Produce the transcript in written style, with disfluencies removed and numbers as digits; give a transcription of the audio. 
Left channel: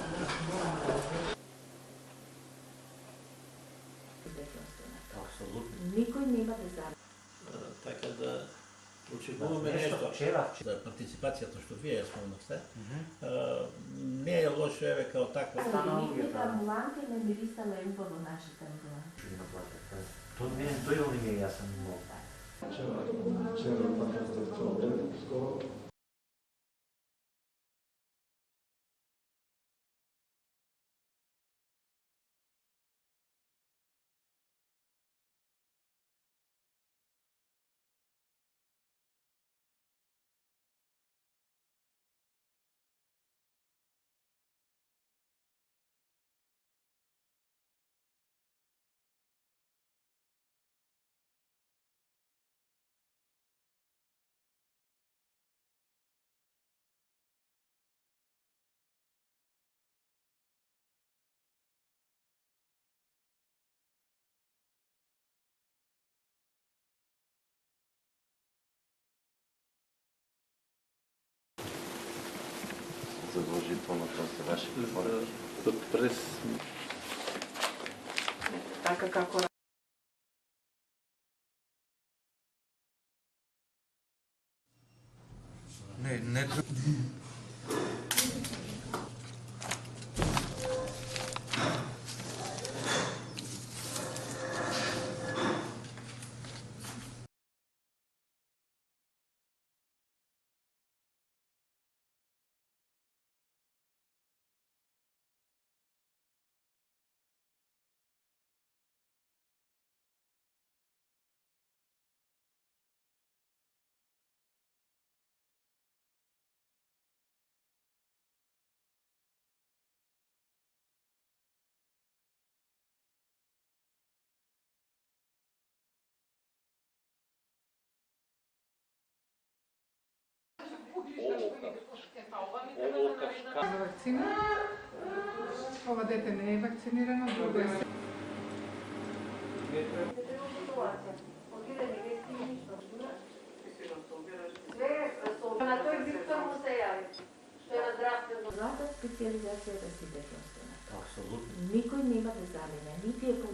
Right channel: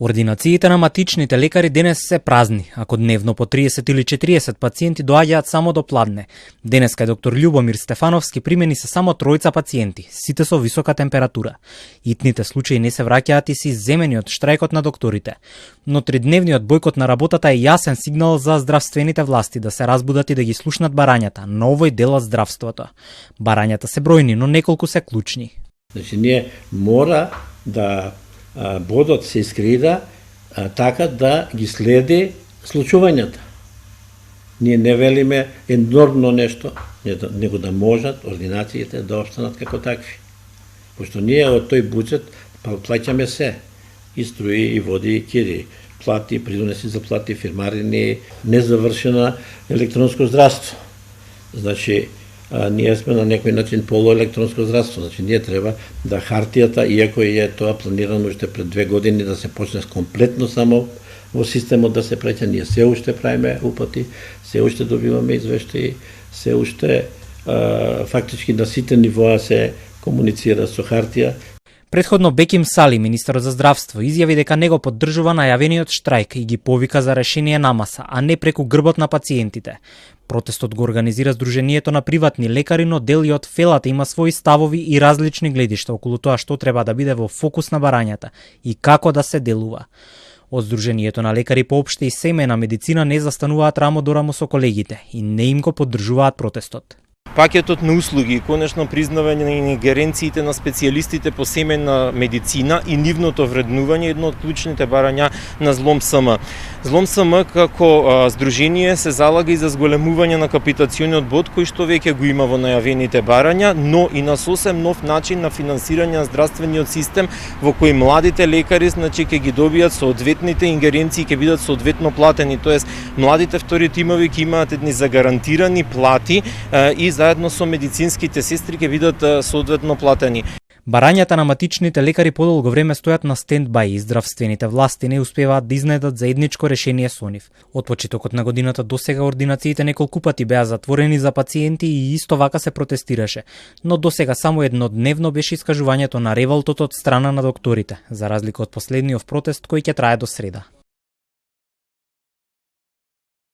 Ординациите на матичните лекари денес се празни, ако дневно по 30 или 40 пациенти доаѓаат само до пладне. Денеска е доктор Љубомир Стефановски примени се само тројца пациенти, сите со висока температура. Итните случаи не се враќаат и се изземени од штрајкот на докторите. Но тридневниот бојкот на работата е јасен сигнал за здравствените власти да се разбудат и да ги слушнат барањата на овој дел од здравството. Барањата се бројни, но неколку се клучни. Значи, ние мора да бодот се искреира така да ги следи случувањата. Ние не велиме енормно нешто, него да можат ординациите да останат како такви. Пошто ние од тој буџет плаќаме се, и струи, и води, и кири, плати, придонеси за плати, фирмарини, незавршена електронско здравство. Значи, ние сме на некој начин полуелектронско здравство, значи ние треба да хартијата, иако е тоа планирано уште пред 2 години да се почне комплетно само во системот да се праќа, ние се уште правиме упати, се уште добиваме извештаи, се уште фактички на сите нивоа се комуницира со хартија. Претходно Беким Сали, министер за здравство, изјави дека него поддржува најавениот штрајк и ги повика за решение намаса, а не преку грбот на пациентите. Протестот го организира Сдруженијето на приватни лекари, но дел и од фелата има своји ставови и различни гледишта околу тоа што треба да биде во фокус на барањата и како да се делува. Од Сдруженијето на лекари по општа и семејна медицина не застануваат рамо до рамо со колегите и не им го поддржуваат протестот. Пакетот на услуги и конечно признавање на ингеренциите на специјалистите по семејна медицина и нивното вреднување едно од клучните барања на Злом СМ. Злом СМ како здружение се залага и за зголемување на капитациониот бод кој што веќе го има во најавените барања, но и на сосем нов начин на финансирање на здравствениот систем во кој младите лекари значи ќе ги добијат соодветните ингеренции, ќе бидат соодветно платени, тоест младите втори тимови ќе имаат едни загарантирани плати и заедно со медицинските сестри ќе бидат соодветно платени. Барањата на матичните лекари подолго време стојат на стендбај и здравствените власти не успеваат да изнедат заедничко решение со нив. Од почетокот на годината досега ординациите неколку пати беа затворени за пациенти и исто вака се протестираше, но досега само еднодневно беше искажувањето на револтот од страна на докторите, за разлика од последниот протест кој ќе трае до среда.